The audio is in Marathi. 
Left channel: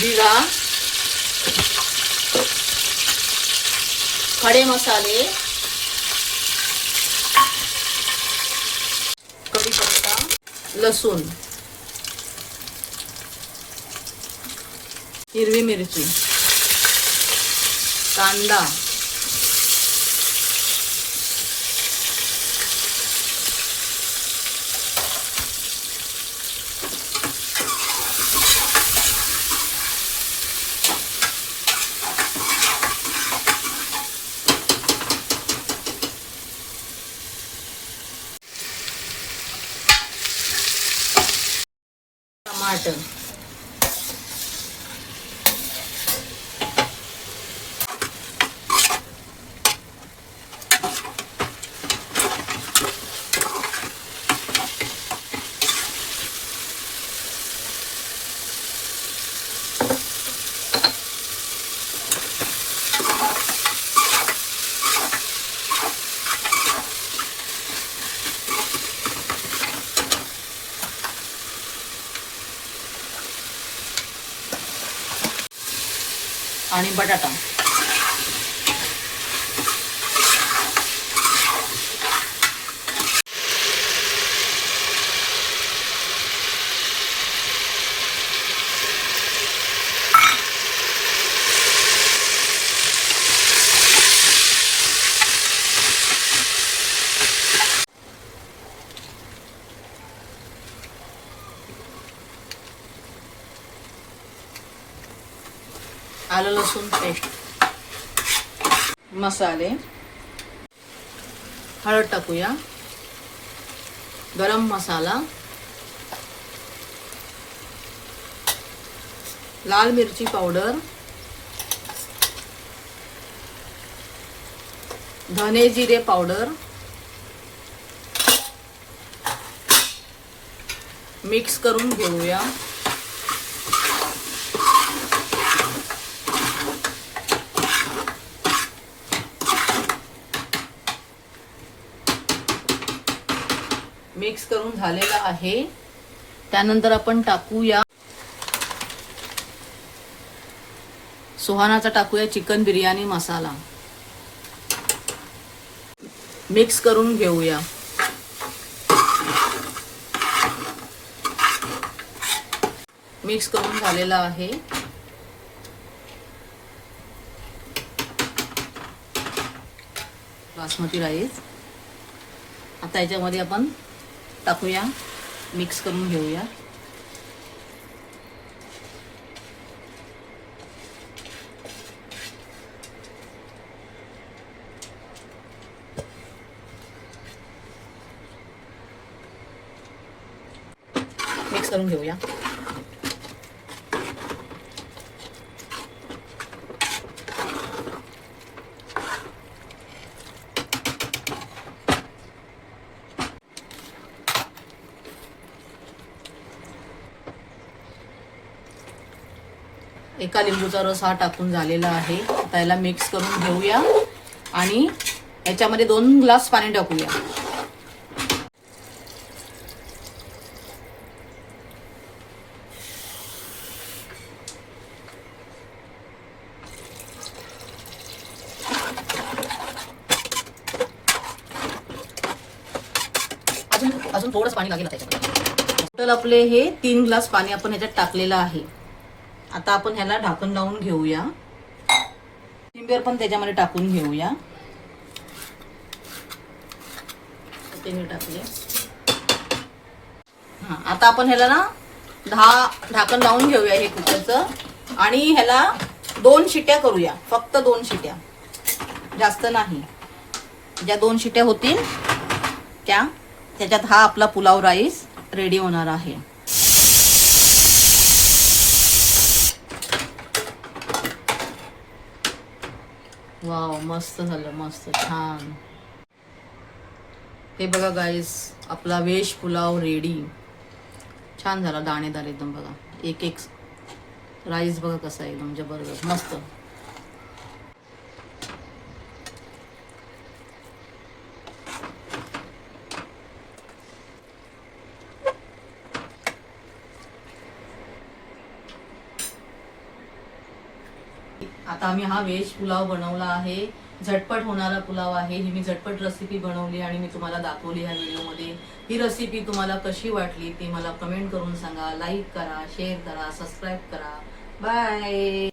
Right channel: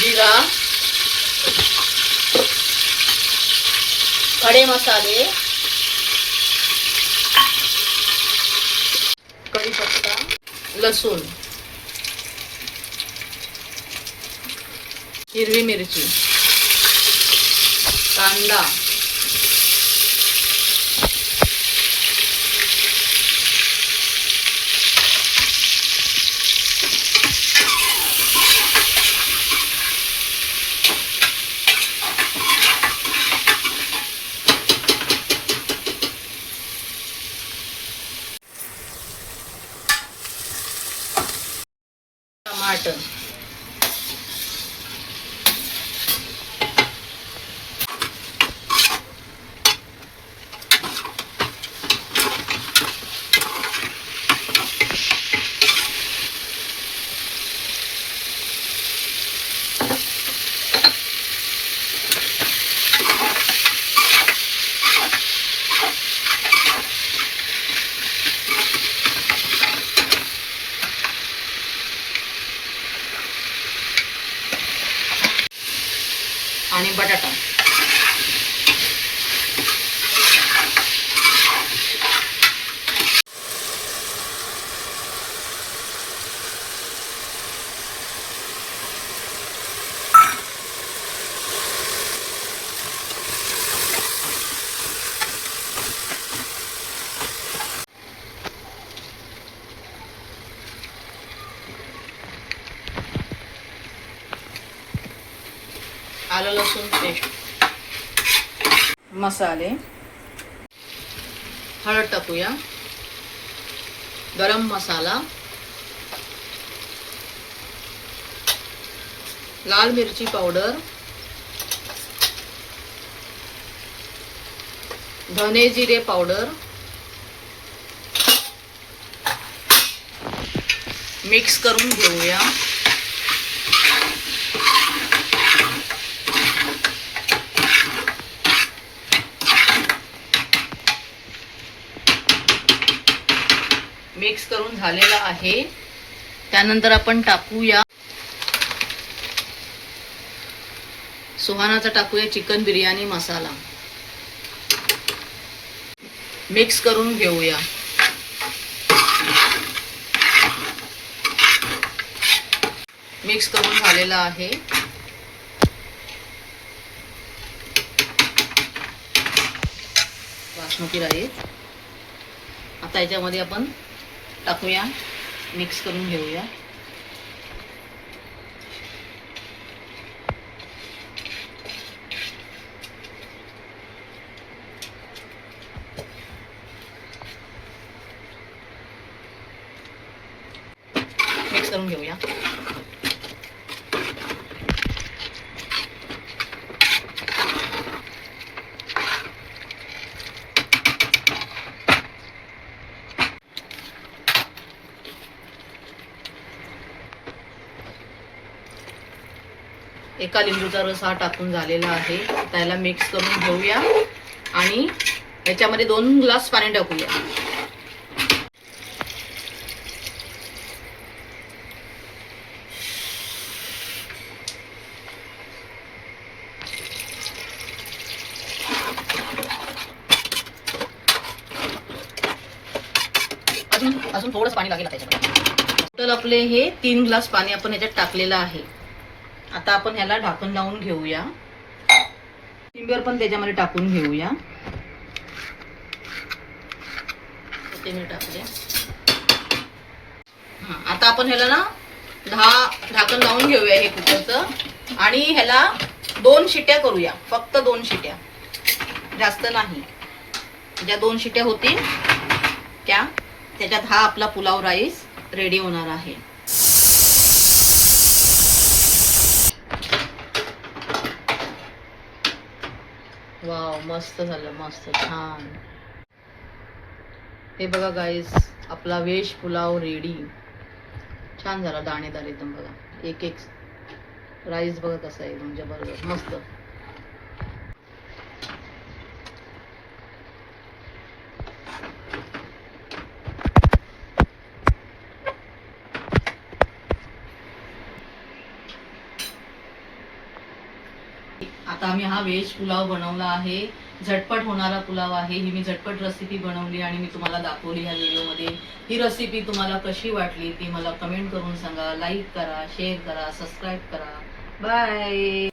जीरा, खडे मसाले, कढीपत्ता, लसूण, हिरवी मिरची, कांदा, टमाटर, आणि बटाटा. आलं लसूण पेस्ट, मसाले, हळद टाकूया, गरम मसाला, लाल मिरची पावडर, धने जिरे पावडर, मिक्स करून घेऊया. मिक्स करून झालेला आहे. त्यानंतर आपण टाकूया सुहानाचा टाकूया चिकन बिर्याणी मसाला. मिक्स करून घेऊया. मिक्स करून झालेला आहे. बासमती राईस आता याच्यामध्ये आपण टाकूया, मिक्स करून घेऊया. मिक्स करून घेऊया. एका लिंबूचा रस हा टाकून झालेला आहे. त्याला मिक्स करून घेऊया आणि याच्यामध्ये 2 ग्लास पाणी टाकूया. अजून थोडंच पाणी लागेल त्याच्यामध्ये. टोटल आपले हे 3 ग्लास पाणी आपण ह्याच्यात टाकलेलं आहे. आता आपण ह्याला ढाकण लावून घेऊया. कोथिंबीर पण त्याच्यामध्ये टाकून घेऊया. ते मी टाकले. आता आपण ह्याला ना ढाकण लावून घेऊया हे कुकरचं आणि ह्याला 2 शिट्या करूया. फक्त 2 शिट्या, जास्त नाही. ज्या 2 शिट्या होतील त्याच्यात हा आपला पुलाव राईस रेडी होणार आहे. वाव, मस्त झालं, मस्त छान. हे बघा गाईस, आपला व्हेज पुलाव रेडी. छान झाला, दाणेदार एकदम. बघा एक एक राईस बघा कसा आहे, एकदम जबरदस्त मस्त. आता आम्ही हा व्हेज पुलाव बनवला आहे. झटपट होणारा पुलाव आहे. ही मी झटपट रेसिपी बनवली आणि मी तुम्हाला दाखवली ह्या व्हिडिओमध्ये. ही रेसिपी तुम्हाला कशी वाटली ती मला कमेंट करून सांगा. लाईक करा, शेअर करा, सबस्क्राईब करा. बाय.